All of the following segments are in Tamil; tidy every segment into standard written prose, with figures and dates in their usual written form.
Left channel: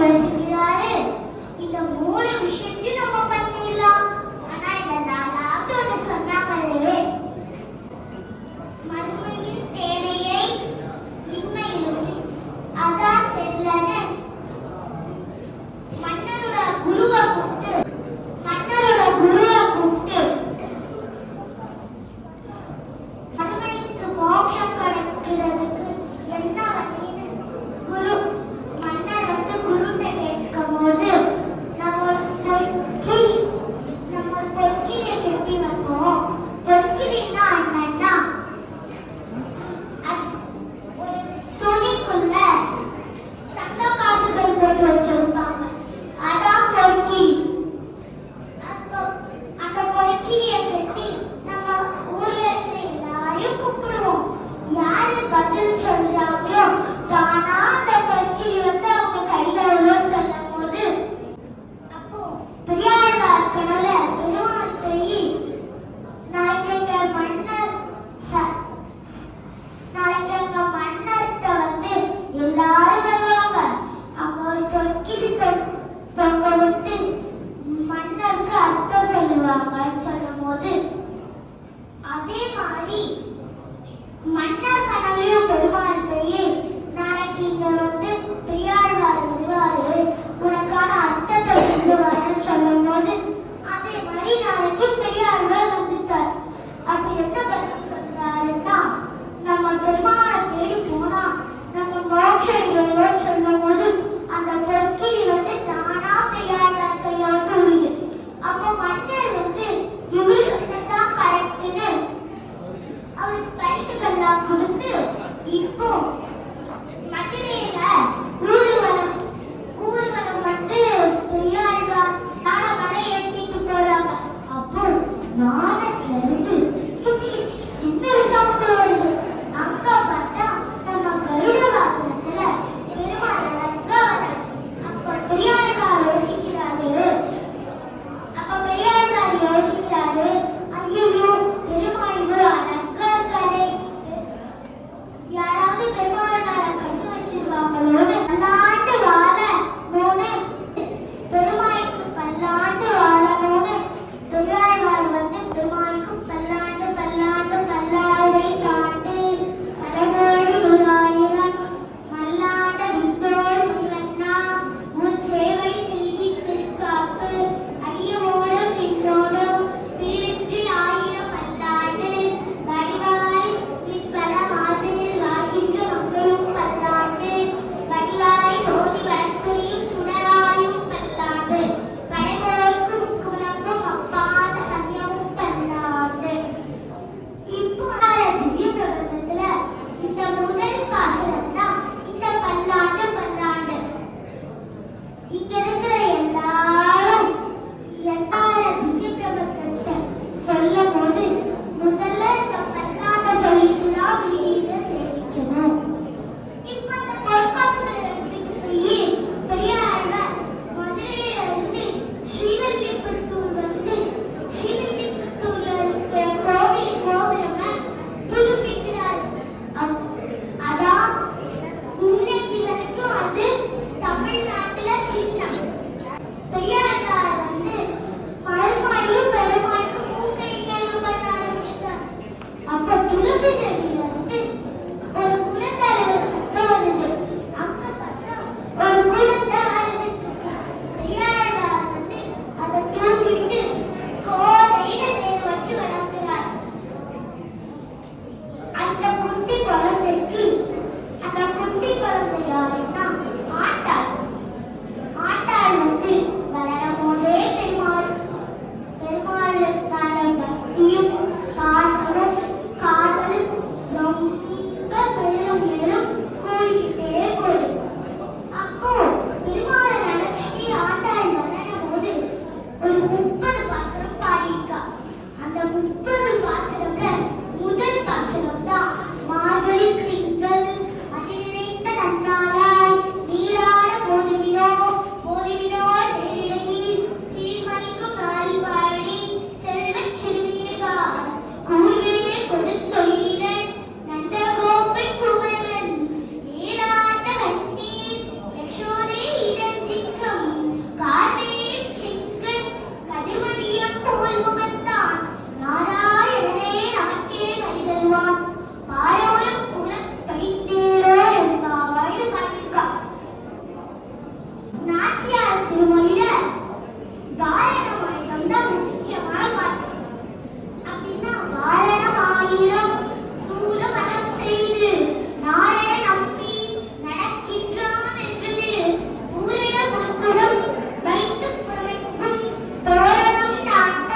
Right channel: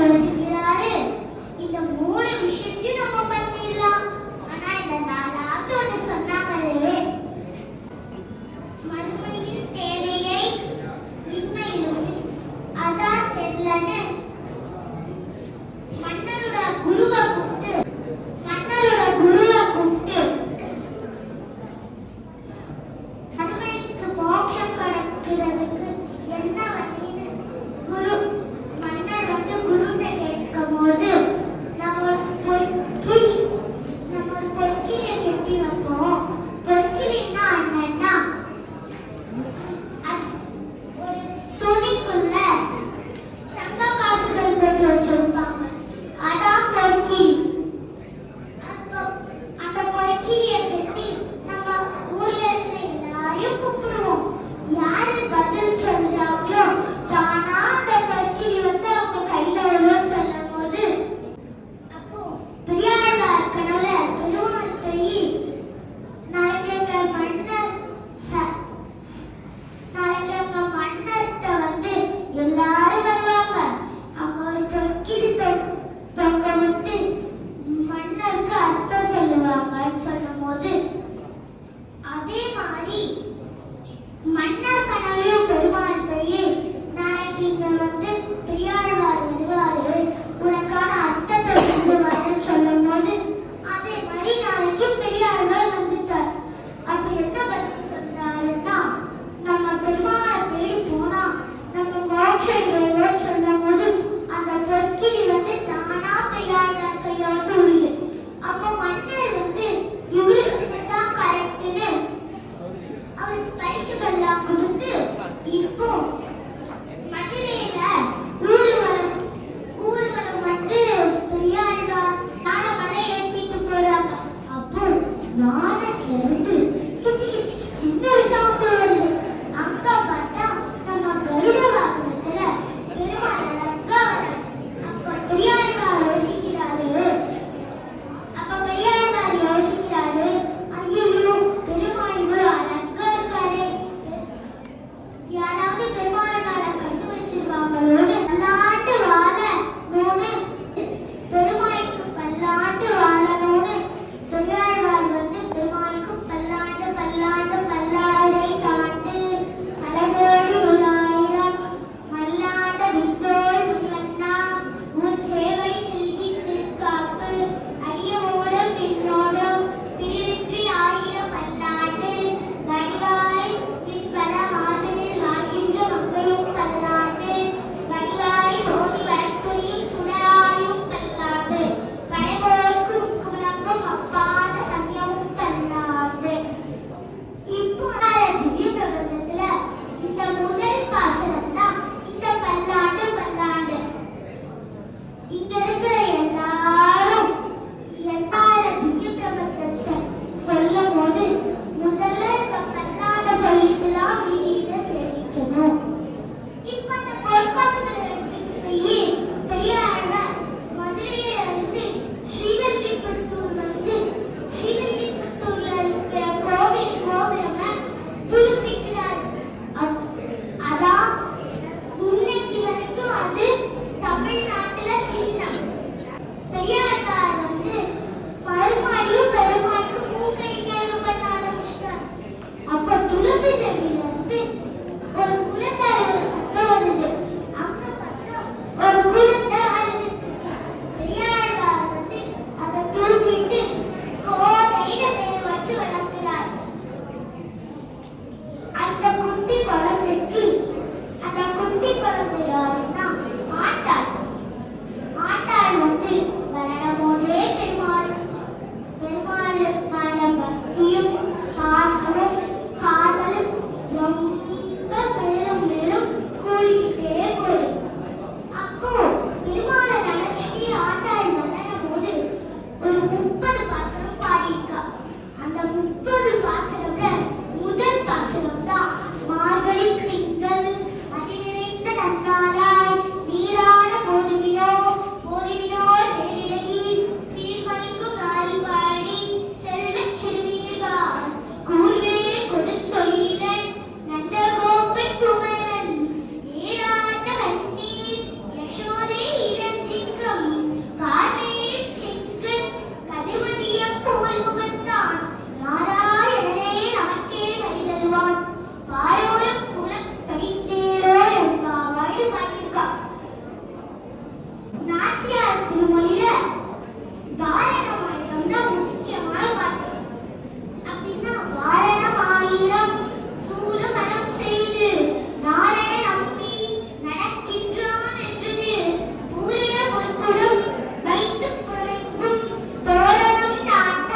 வசிக்கிறாரு. இந்த 3 விஷயத்தையும் நம்ம பண்ணிடலாம். ஆனா இந்த 4வது ஒன்று சொன்னாங்களே, மறுமையின் தேவையை இன்மையிலும் அதான் தெரியலன்னு மன்னரோட குருவை கூப்பிட்டு மறுமைக்கு மோட்சம் கிடைக்கிறதுக்கு என்ன வழின்னு மன்னர் குருட்ட கேட்கும் போது நம்ம பொற்கிளியை கட்டி வைப்போம். பொற்கிளின்னா என்னன்னா ஒரு துணிக்குள்ள தங்க காசுகள் போட்டு வச்சிருப்பாங்க. அதான் பொற்கிளி. அப்போ அந்த பொற்கிளியை கட்டி நம்ம ஊர்ல இருக்கிற எல்லாரையும் கூப்பிடுவோம். யாரு பதில் சொல்றாங்களோ தானா அந்த பொற்கிளி அவங்க கையில உள்ளோன்னு சொல்லும் போது அப்போ பெரியாளா இருக்கனால பெருமாள் போய் நாளைக்கு எங்க மன்னர்கிட்ட எல்லாரும் வருவாங்க. அங்க ஒரு பொற்கிளி தொங்க விட்டு மன்னருக்கு அர்த்தம் சொல்லுவாங்கன்னு சொல்லும் போது அதே மாதிரி மன்னர் கனவையும் பெருமாள் போய் நாளைக்கு இங்க பெரியாழ்வார் வருவாரு, உனக்கான அர்த்தத்தை சொல்லுவாருன்னு சொல்லும் போது அதே மாதிரி நாளைக்கும் பெரியாழ்வார் வந்துட்டார். அப்ப என்ன பதில் சொல்றாருன்னா, நம்ம பெருமாளை தேடி போனா நம்ம மோட்சம் இல்லையோன்னு சொல்லும் போது அந்த பொற்கிளி தானா பெரியாழ்வார் கையில விழுது. அப்ப மன்னர் இவரு சொன்னதான் கரெக்டுன்னு அவருக்கு பரிசுகள்லாம் கொடுத்து இப்போ மதுரையில ஊர்வலம் பெரியாழ்வார் ஞான மலை ஏற்றிட்டு போறாங்க. அப்போ ஞானத்துல இருந்து கிச்சு கிச்சு கிச்சுன்னு ஒரு சவுண்ட் வருது. அங்க பார்த்தா நம்ம கருட வாகனத்துல பெருமாள் அழகா வருது. அப்ப பெரியாழ்வார் யோசிக்கிறாரு, ஐயோ பெருமாள் இவ்வளவு அழகா இருக்காரு, யாராவது பெருமாள் மேல கட்டு வச்சிருவாங்களோன்னு பல்லாண்டு வாழணும்னு பெருமாளுக்கு பல்லாண்டு வாழணும்னு பெரியாழ்வார் பெருமாளுக்கு பல்லாண்டு பல்லாண்டு பல்லாடை தாண்டு பலகோடு 100,000 மல்லாண்ட விட்டோள் முனிவண்ணா உன் சேவடி செய்தி திருக்காப்பு அடியோடும் பின்னோடும் திருவிற்றி 1000 பல்லாண்டு வடிவாய் பிற்பல மார்பினில் வாழ்கின்ற மக்களும் பல்லாண்டு வடிவாய் சோதி வழக்குரியும் சுடராயும் பல்லாண்டு படைபோருக்கு முழங்கும் அப்பாண்ட சமயமும் பல்லாண்டு. இப்போ திவ்ய பிரபந்தத்துல இந்த முதல் பாசனம் தான் இந்த பல்லாண்டு பல்லாண்டு. இங்க இருக்கிற எல்லாரும் திவ்ய பிரபந்தத்தை சொல்லும் போது முதல்ல இந்த பல்லாண்ட சொல்லிட்டு தான் இதை சேவிக்கணும். இப்ப அந்த பொற்காசுகளை எடுத்துட்டு போய் பெரியாழ்வார் மதுரையில இருந்து ஸ்ரீவில்லிபுத்தூர்ல இருக்கிற கோபுரமா புதுப்பிக்கிறார். அதான் இன்னைக்கு வரைக்கும் அது தமிழ்நாட்டுல சின்னம். திருமொழியில வாரணமாயிரம் தான் முக்கியமான பாட்டு. அப்படின்னா வாரணமாயிரம் சூலமலம் செய்து நாரண நம்பி நடக்கின்றான் என்றது ஊரிட பொற்குடம் வைத்து புறமெங்கும் தோரணம் நாட்ட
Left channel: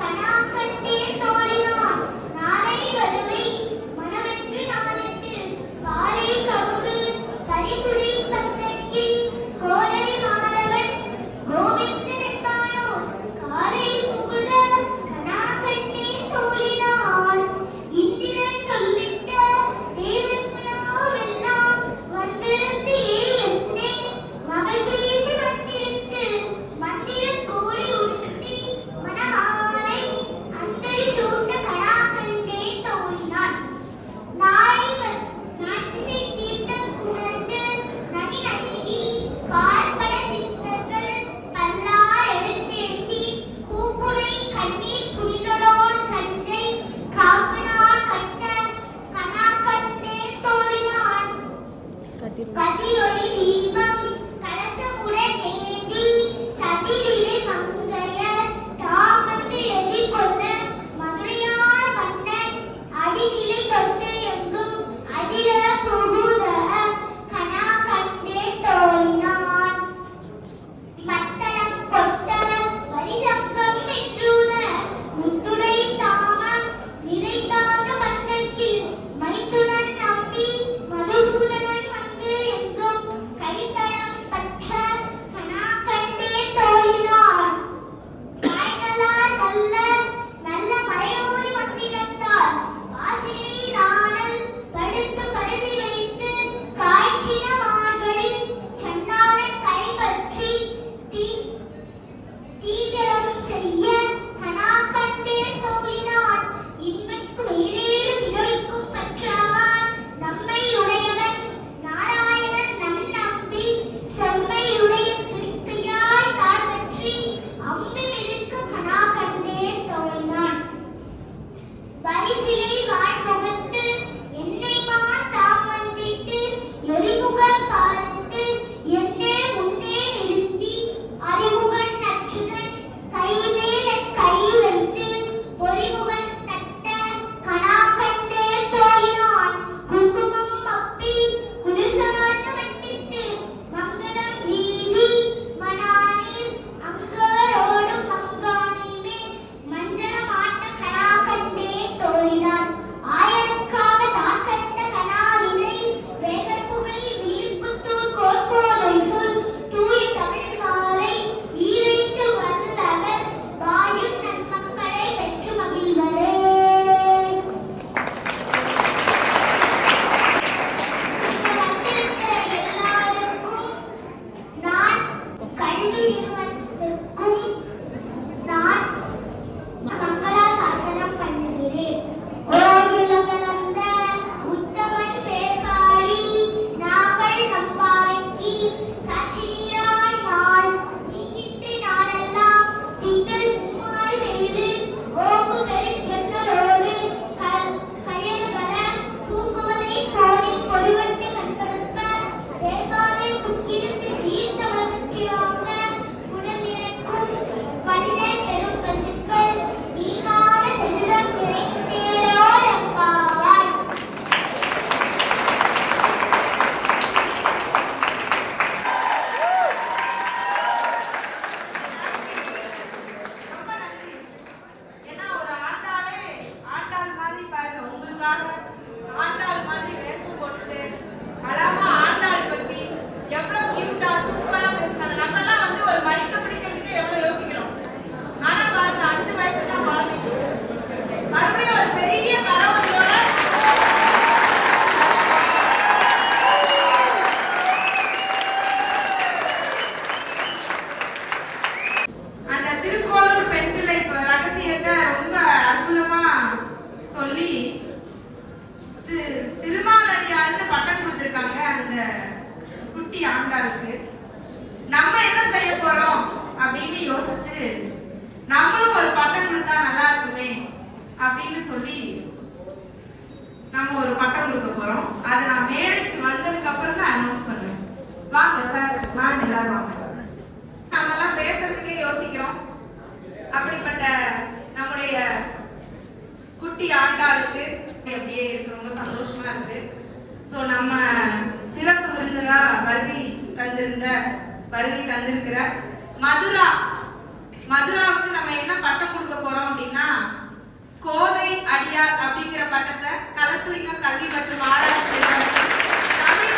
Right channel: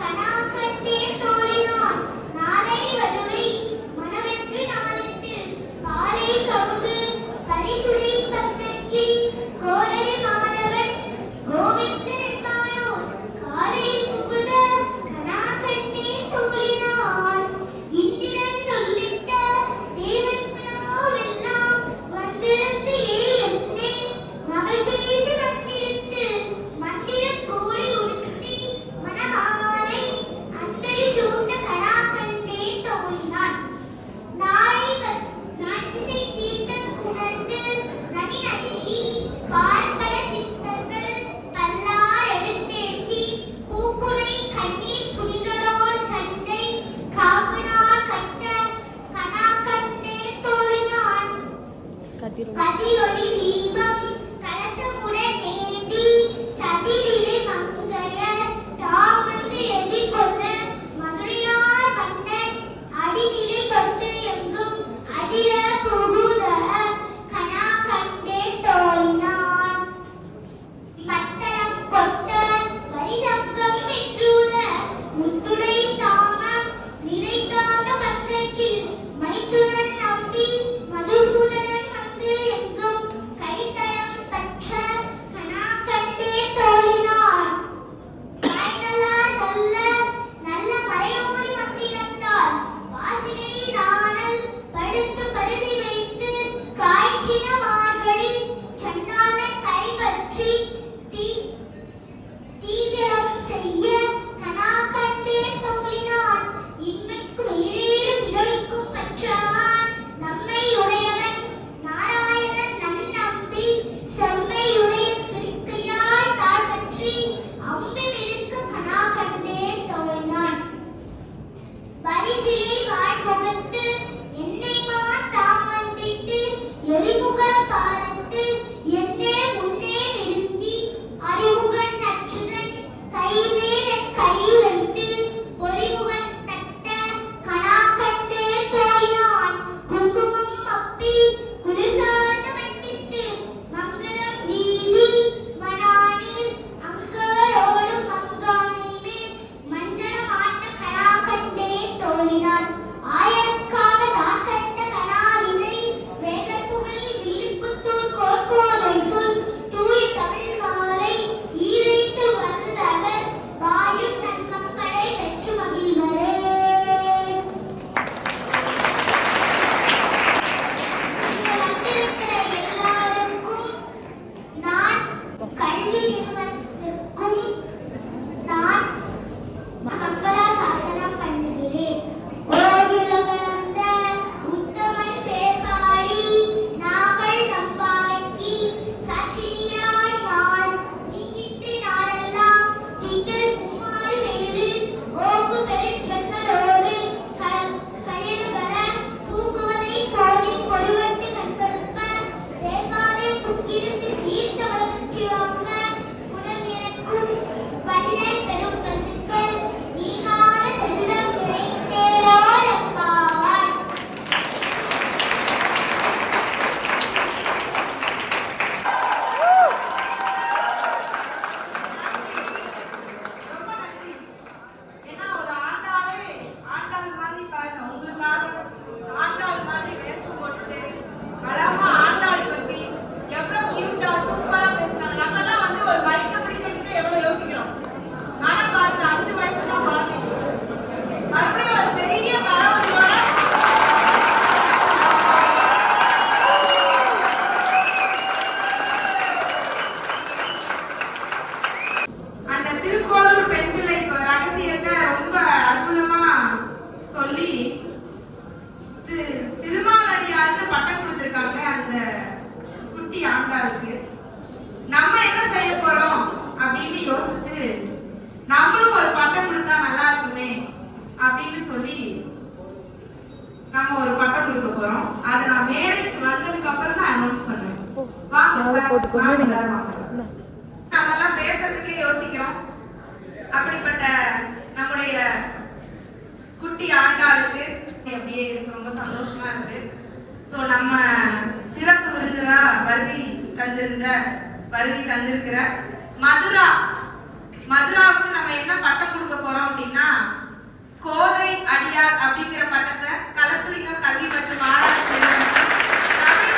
கனா கண்டே தோழினான் நாளை வதுவை மனமென்று நாளிட்டு பாலை கமுகு பரிசுடை பத்தக்கி கோலை மாதவன் கோவிந்தன் என்பானோ காலை புகுத கனா கண்டே தோழினான் இந்திரன் சொல்லிட்ட தேவர்களாவெல்லாம் வந்திருந்து என்னை மகள் பேசி வந்திருந்து மந்திர கோழி உடுத்தி மணமாலை அந்தரி சூட்ட கனா கண்டே தோழினான் நான் திசை தீர்த்த குணர்ந்து நனி நல்கி பார்ப்பன சித்தர்கள் பல்லார் எடுத்தேத்தி பூக்குடை கண்ணீர் புனிதரோடு கண்டை காப்பினார் கட்ட கனா கண்டே தோழினான் கதிரொளி தீபம் கலசமுடன் ஏந்தி சதிரிலே மங்கைய தாமந்து எதிர்கொள்ள மதுரையார் மன்னன் அடிநிலை கொண்டு எங்கும் அதிர புகுத கனா கண்டே தோழினான் மத்தளம் கொட்ட வரிசங்கம் என்றூத முத்துடை தாமம் நிறைந்தாக மன்னர்க்கில் மைத்துனன் நம்பி மதுசூதனன் வந்து எங்கும் கைத்தளம் பற்ற கனா கண்டே தோழினான் காய்நலார் வல்ல நல்ல மறையோரி மந்திரத்தால் வாசிலை நாணல் படுத்து பருதி வைத்து காய்ச்சின மார்கழி சன்னானை கைப்பற்றி தீவிரம் செய்ய கனா கண்டே தோழினான் இன்மைக்கு வேறேறு பிறவிக்கும் பற்றவான் நம்மை உடையவன் நாராயணன் நன்னம்பி செம்மையுடைய திருக்கையாய் தாழ் பற்றி அம்பி விழுக்கு கனா கண்டே தோழினான் பரிசிலை வாழ்முகத்து என்னை தாம் வந்திட்டு எரிமுகன் பாரத்து என்னே முன்னே நிறுத்தி அறிமுகன் நச்சுதன் கைமேல் கை வைத்து பொறிமுகன் தட்ட கனா கண்டே தோழினான் குங்குமம் அப்பி குளிர்சார்ந்து வட்டிட்டு மங்களம் வீதி மணானில் அங்கவரோடு மங்கானை மேல் மஞ்சள் மாட்ட கனா கண்டே தோழினான் ஆயனுக்காக தான் கண்ட கனாவினை வேகத்துகளில் வில்லிபுத்தூர் கோட்கோலை சொல் தூய தமிழ் மாலை ஈரைத்து வல்லவர் வாயும் நன்மக்களை பெற்று மகிழ்வரே. இங்கு வந்திருக்கிற எல்லாருக்கும் நான் கல்வி நிறுவனத்திற்கும் நான் மங்களாசாசனம் பண்ணுகிறேன். ஓயுலகளந்த உத்தமன் பேர்பாடி நாங்கள் நம்பாவைக்கு சாட்சி நீராய் வாழ் தீங்கிட்டு நாளெல்லாம் திங்கள் உம்மாய் வேறு ஓங்கு பெருஞ்சொன்னரோடு கயலுபல பூங்குவதை கோடி பொடிவட்டு கண்படுப்ப தேங்காலை புக்கிருந்து சீர்த்த வளர்ச்சி வாங்க குலம் எனக்கும் வல்லல் பெரும் பசுக்கள் நீங்காத செல்வம் நிறைந்தேரார் அப்பாவாய். ரொம்ப நன்றி. ஏன்னா ஒரு ஆண்டாளே ஆண்டாள் மாதிரி பாருங்க, உங்களுக்காக ஆண்டாள் மாதிரி வேஷம் போட்டுட்டு அழகா ஆண்டாள் பத்தி எவ்வளவு கியூட்டா சூப்பரா பேசினாங்க. நம்மெல்லாம் வந்து ஒரு மைக்க பிடிக்கிறதுக்கு எவ்வளவு யோசிக்கிறோம். ஆனா பாருங்க 5 வயசுல குழந்தைங்க மறுபடியும் ஒரு பெரிய தளபதியோட அந்த திருக்கோளூர் பெண் பிள்ளை ரகசியத்தை ரொம்ப அற்புதமா சொல்லி திருமாலடியார்னு பட்டம் கொடுத்திருக்காங்க அந்த குட்டி ஆண்டாளுக்கு. நம்ம என்ன செய்ய போறோம் அப்படின்னு யோசிச்சு நம்மளும் ஒரு பட்டம் கொடுத்தா நல்லா இருக்குமே அப்படின்னு சொல்லி நம்ம ஒரு பட்டம் கொடுக்க போறோம். அதை நான் மேடைக்கு வந்ததுக்கு அப்புறம் தான் அனௌன்ஸ் பண்ணுவேன். வாங்க சார், மேம் எல்லாரும் வாங்க. ஸோ நம்ம சிறப்பு விருந்தினரா வருகை தந்திருக்கிற மதுராவுக்கு நம்ம என்ன பட்டம் கொடுக்க போறோம் அப்படின்னா கோதை அடியார் அப்படிங்கிற பட்டத்தை கலசலிங்கம் கல்வி மற்றும் ஆராய்ச்சி நிறுவனத்தில் தமிழ்